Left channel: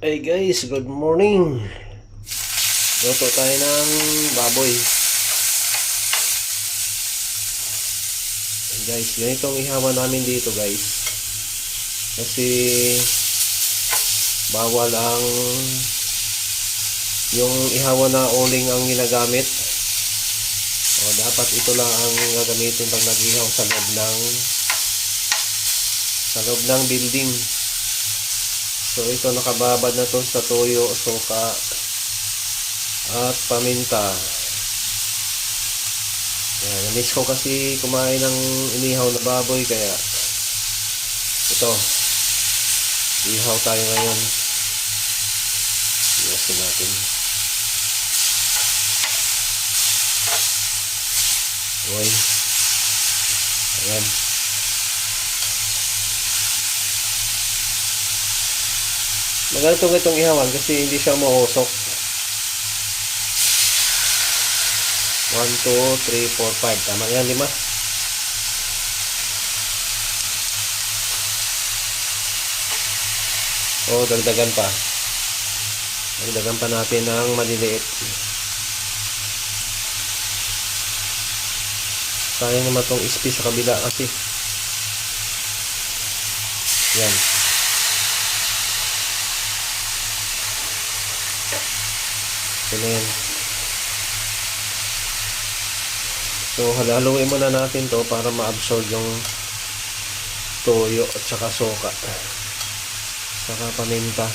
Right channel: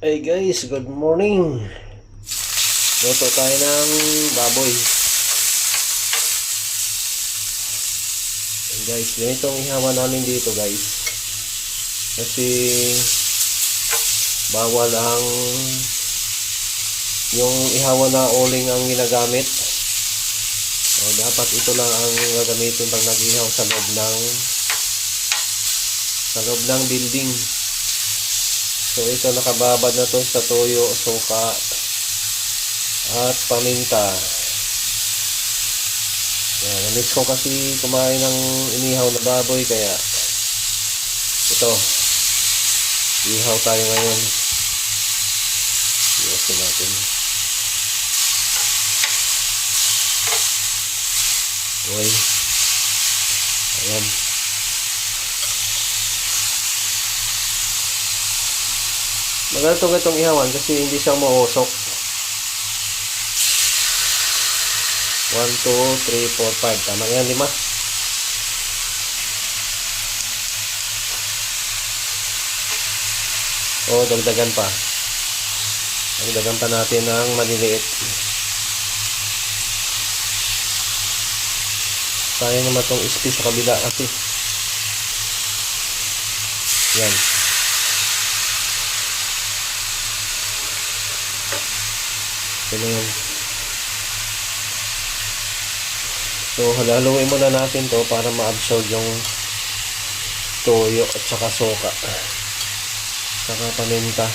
Hey guys, good morning. Luto tayo ng baboy. Hey guys, ganitong ihawa namin dito guys. Kasi bawal ang yung ihawa na uling ang ginagamit. O, dapat ito lang ang gagamitin pag nag-ihaw sa loob ng building. So ito nakababad na to sa toyo, suka at paminta. Yan, na-miss ko kasi kumain ng inihaw na baboy kaya ito, ihaw tayo ngayon. Ihasin natin. Uy. Ayan. Magalatong itong ihawan kasi hindi siya mausok. 1, 2, 3, 4, 5. Tama yan, 5. O, dagdagan pa. Dagdagan pa natin ng maliliit. Sayang naman itong ispi sa kabila kasi. Yan. Ito yan. So, halaluin muna natin to para ma-absorb yung toyo at saka suka. Saka paminta.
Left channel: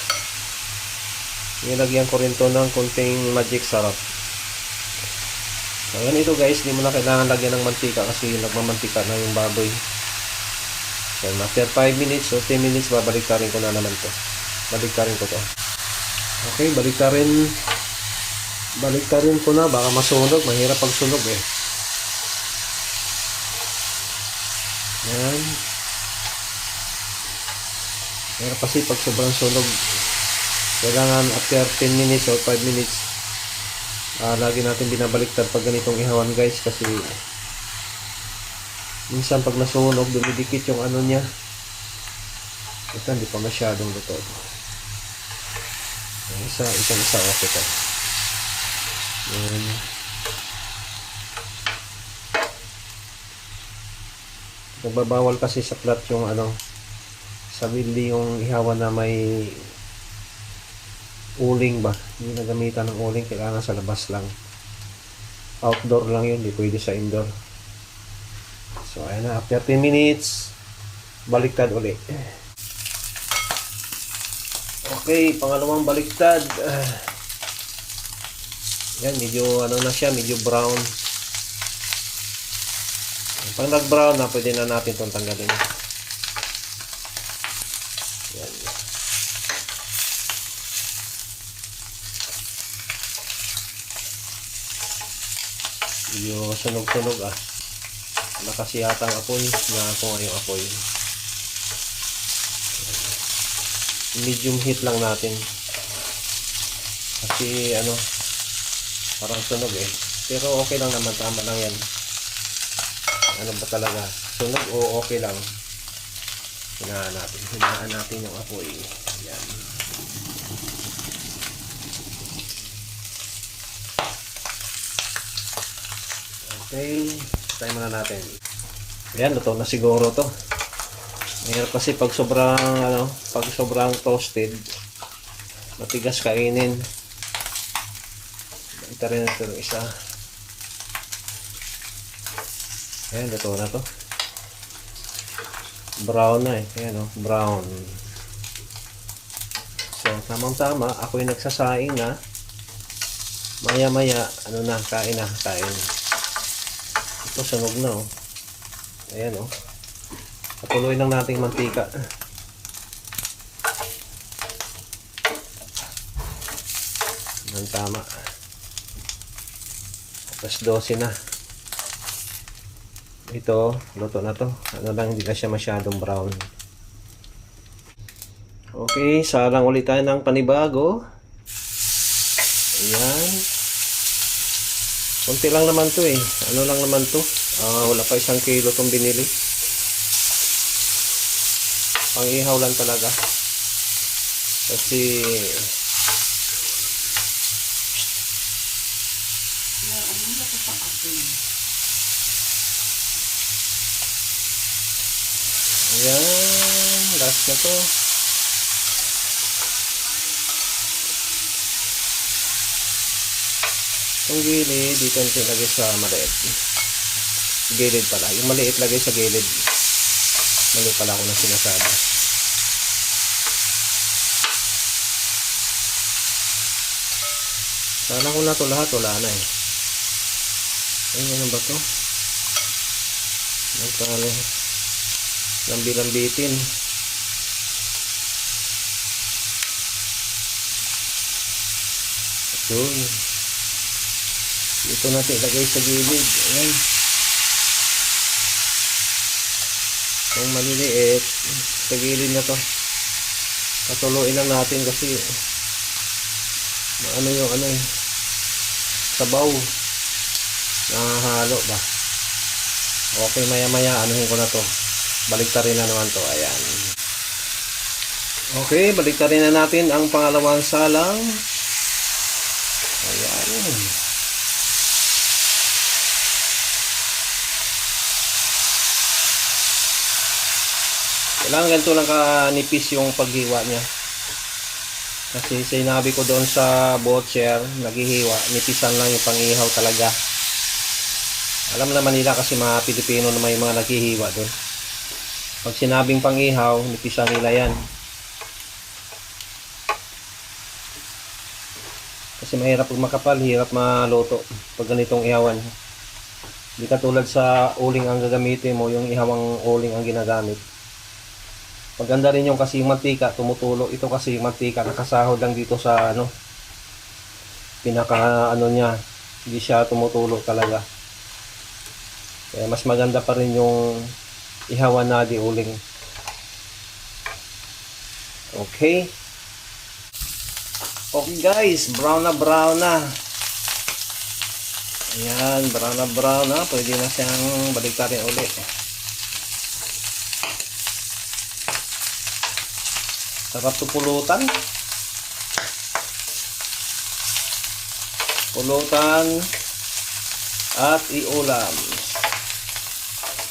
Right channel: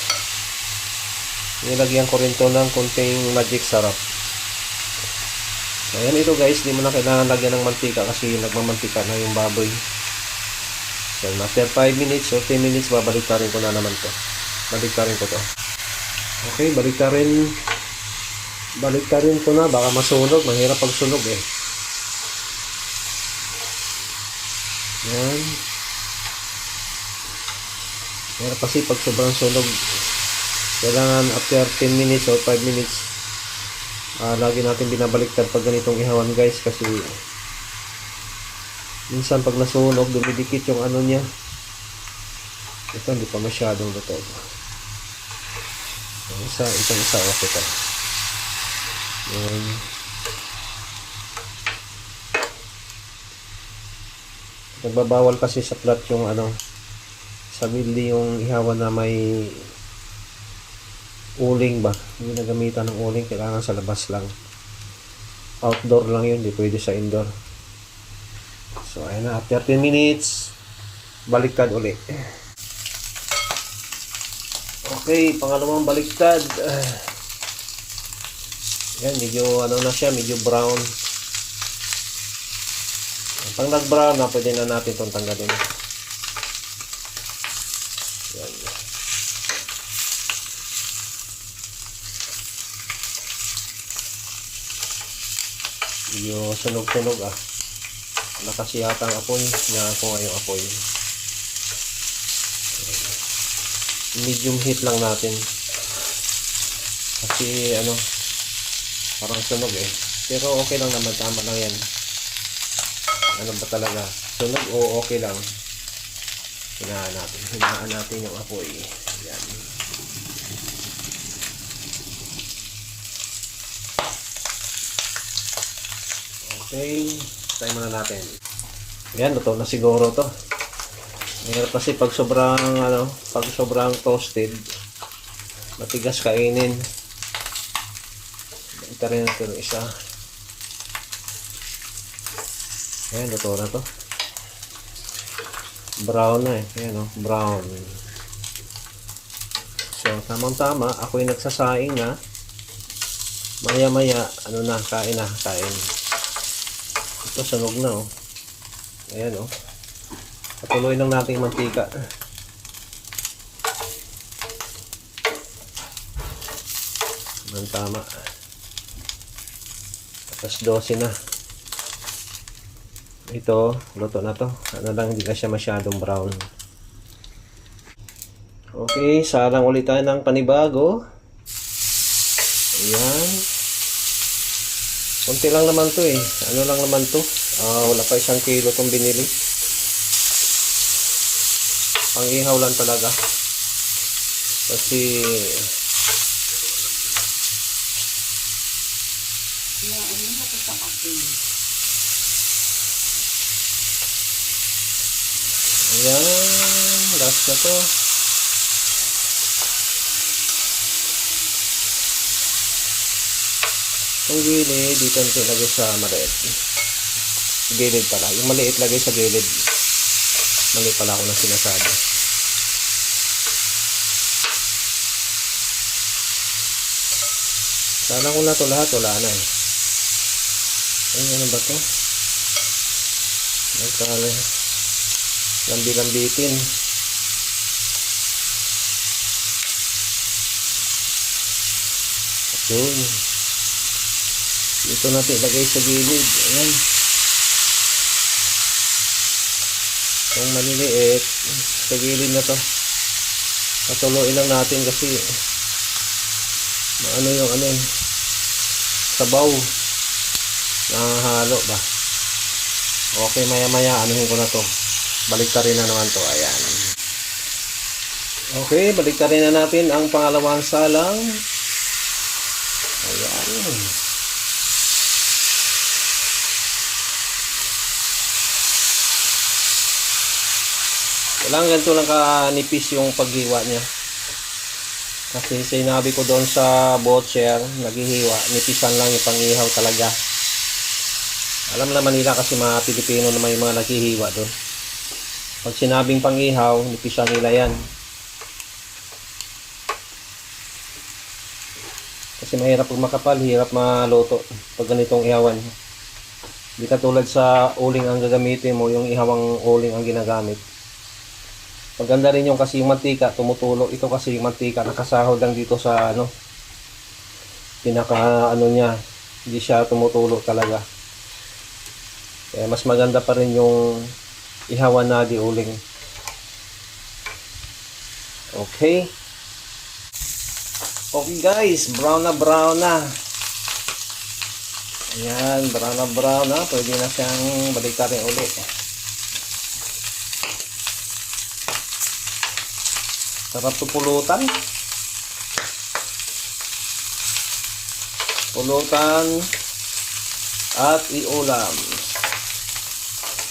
Nilagyan ko rin to ng kunting magic sarap. So, ayan ito guys. Di mo na kailangan lagyan ng mantika kasi nagmamantika na yung baboy. So, after 5 minutes o 10 minutes, babaliktarin ko na naman to. Baliktarin ko to. Okay, baliktarin ko na, baka masunog, mahirap pag sunog eh. Yan. Mahirap kasi pag sobrang sunog. Kailangan after 10 minutes or 5 minutes, lagi natin binabaliktad pag ganitong ihawan guys kasi minsan pag nasunog, dumidikit yung ano niya. Ito, hindi pa masyadong luto. Itong isa, okay to. Yan. Nagbabawal kasi sa plat yung sa building yung ihawan na may uling ba. Hindi nagamitan ng uling, kailangan sa labas lang. Outdoor lang yun, hindi pwede sa indoor. So ayan na, after 10 minutes, baliktad ulit. Okay, pangalawang baliktad. Yan, medyo na siya, medyo brown. Pag nag-brown na, pwede na natin itong tanggalin. Yan. Medyo sunog-sunog Wala kasi yata ang apoy. Na ako ngayong apoy. Medium heat lang natin. Kasi parang sunog eh. Pero okay lang naman, tama lang yan. Ano ba talaga? Sunog o okay lang? Hinaan natin yung apoy. Yan. Okay. Tayo muna natin. Ayan, luto na siguro to. Mahirap kasi pag sobrang toasted, matigas kainin. Ito rin ito isa. Ayan, luto na to. Brown na eh. Ayan brown. So, tamang-tama. Ako'y nagsasaing na. Maya-maya, kain. Ito, sunog na Ayan patuloy lang natin yung mantika. Tama. Tapos 12 na. Ito, luto na to. Hindi na siya masyadong brown. Okay, salang ulit tayo ng panibago. Ayan. Kunti lang naman to eh. Lang naman to. Wala pa 1 kilo tong binili. Pang ihaw lang talaga. Kasi ayan, last na to. Yung gilid, dito natin lagay sa maliit. Gilid pala. Yung maliit lagay sa gilid. Mali pala ako na sinasabi. Sana ko na to lahat, wala na eh. Ay, ano ba to? Nagkala. Lambi-lambitin. Doon. Ito natin ilagay sa gilid. Ayan. Itong maliliit sa gilid na to. Patuloyin lang natin kasi ano yung ano eh, sabaw. Nakahalo ba? Okay, maya-maya anuhin ko na to. Baliktarin na naman to. Ayan. Okay, baliktarin na natin ang pangalawang salang. Ayan. Kailangan ganito lang kanipis yung paghiwa niya. Kasi sinabi ko doon sa butcher, naghihiwa, nipisan lang yung pangihaw talaga. Alam naman nila kasi mga Pilipino na may mga naghihiwa doon. Pag sinabing pangihaw, nipisan nila yan. Kasi mahirap pag makapal, hirap maluto pag ganitong ihawan. Hindi katulad sa uling ang gagamitin mo, yung ihawang uling ang ginagamit. Maganda rin yung kasi yung mantika tumutulo. Ito kasi yung mantika nakasahod lang dito sa ano, pinaka ano niya, hindi siya tumutulo talaga. Kaya mas maganda pa rin yung ihawan na di uling. Okay. Okay guys, brown na brown na. Ayan, brown na brown na. Pwede na siyang baliktarin ulit. Sarap to pulutan. Pulutan at iulam.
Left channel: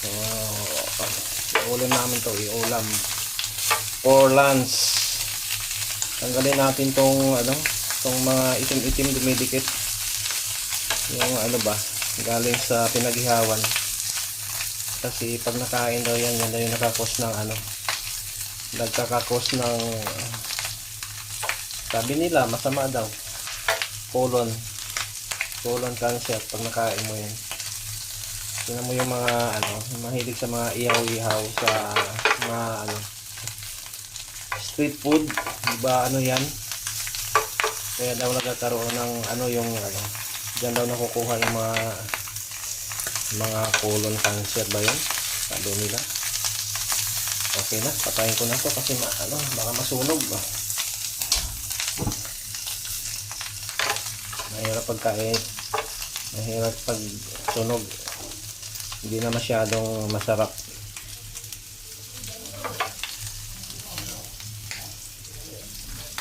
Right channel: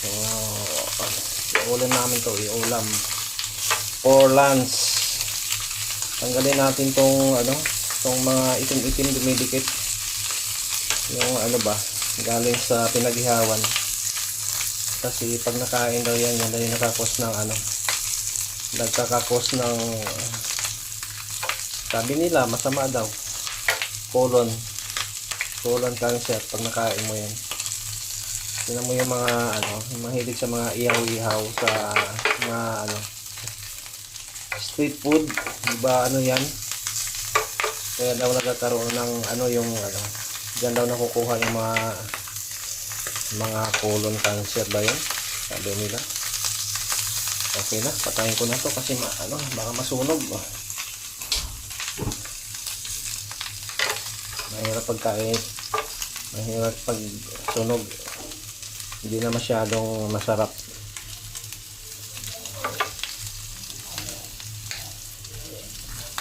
So, iulam namin to, iulam. For lunch. Tanggalin natin tong ano, tong mga itim-itim dumidikit. Yung ano ba, galing sa pinaghihawan. Kasi pag nakain daw yan, yan daw yung nakakos ng ano, nagkakakos ng sabi nila masama daw, colon cancer pag nakain mo yan. Tingnan mo yung mga ano, mahilig sa mga ihaw-ihaw sa mga ano street food, diba ano yan, kaya daw nagkakaroon ng ano yung ano, dyan daw nakukuha yung mga colon cancer ba yun, sabi nila. Okay na, patayin ko na to kasi ano, baka masunog. Mahirap pagkain, mahirap pag sunog, hindi na masyadong masarap.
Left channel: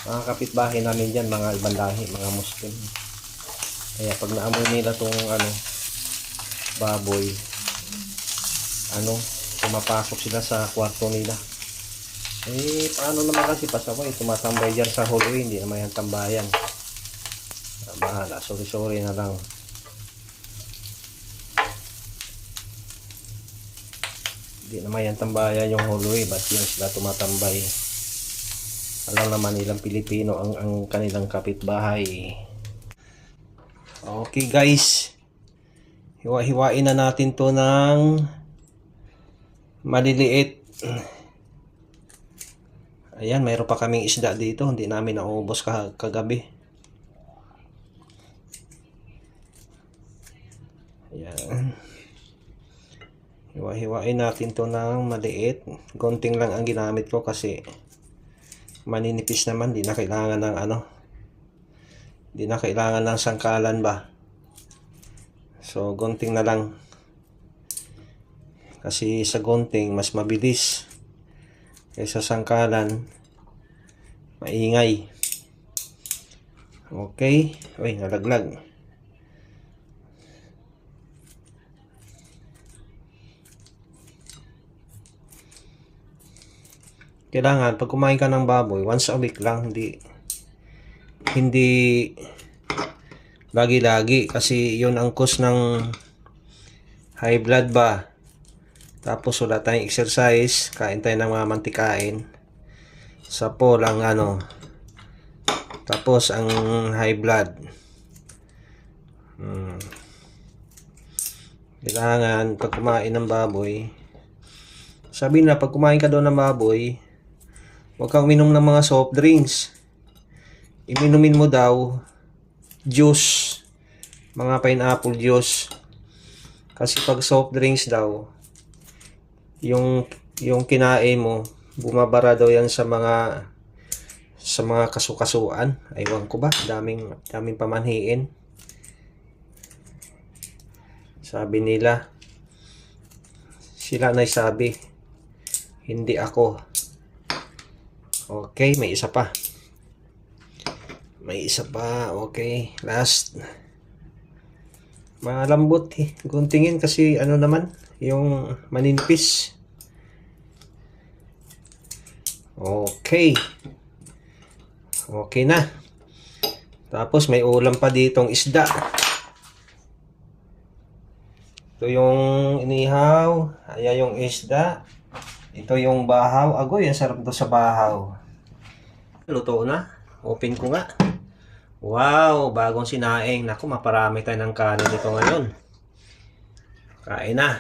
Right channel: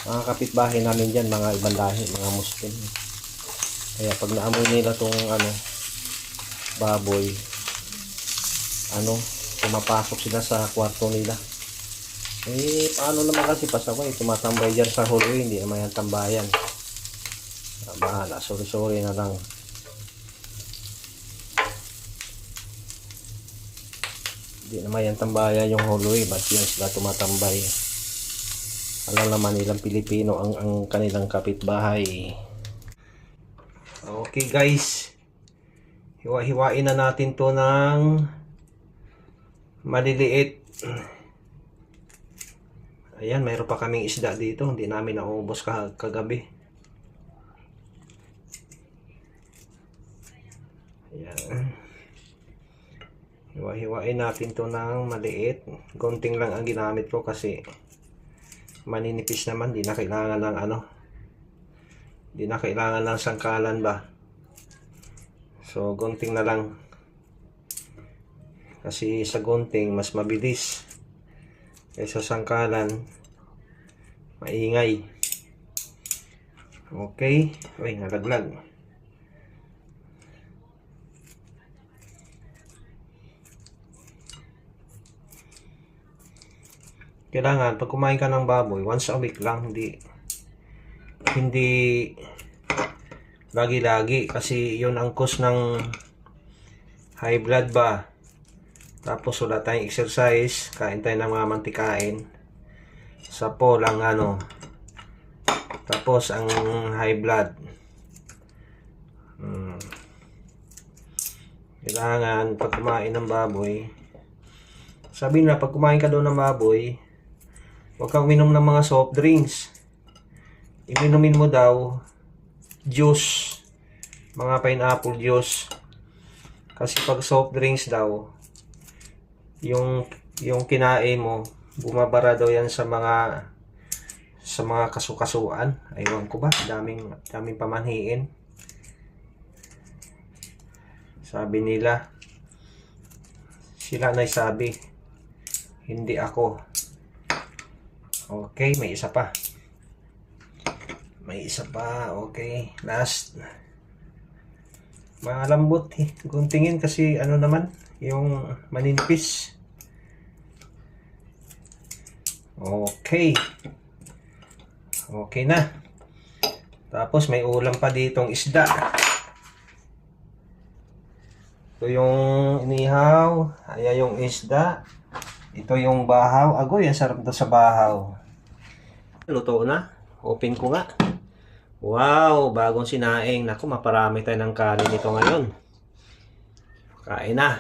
Mga kapitbahay namin dyan, mga ibang lahi, mga Muslim. Kaya pag naamoy nila tong ano, baboy, ano, pumapasok sila sa kwarto nila. Eh, paano naman kasi pasaway, tumatambay dyan sa hallway, hindi naman yan tambayan. Bahala, sorry na lang. Hindi naman yan tambayan yung hallway, ba't yan sila tumatambay? Alam naman nilang Pilipino ang kanilang kapitbahay. Okay guys, hiwa-hiwain na natin to ng maliliit. Ayan, mayroon pa kaming isda dito, hindi namin naubos kagabi. Ayan, hiwa-hiwain natin to ng maliit. Gunting lang ang ginamit ko kasi maninipis naman, di na kailangan ng ano, di na kailangan ng sangkalan ba. So gunting na lang. Kasi sa gunting mas mabilis kaysa sangkalan. maingay. Okay. Uy, nalaglag. Kailangan pag kumain ka ng baboy, once a week lang, hindi lagi-lagi, kasi yun ang cause ng high blood ba. Tapos wala tayong exercise, kain tayo ng mga mantikain. Sa po lang ano. Tapos ang high blood. Kailangan pag kumain ng baboy, sabi na pag kumain ka daw ng baboy, huwag kang uminom ng mga soft drinks. Iminumin mo daw juice, mga pineapple juice. Kasi pag soft drinks daw, yung kinain mo, bumabara daw yan sa mga kasukasuan. Aywan ko ba, daming pamanhiin. Sabi nila, sila na sabi, hindi ako. Okay, may isa pa. Okay, last. Malambot eh. Kung tingin kasi ano naman, yung maninipis. Okay. Okay na. Tapos may ulam pa ditong isda. Ito yung inihaw. Ayan yung isda. Ito yung bahaw. Agoy, ang sarap to sa bahaw. Luto na. Open ko nga. Wow, bagong sinaing. Naku, maparami tayo ng kanin ito ngayon. Kain na.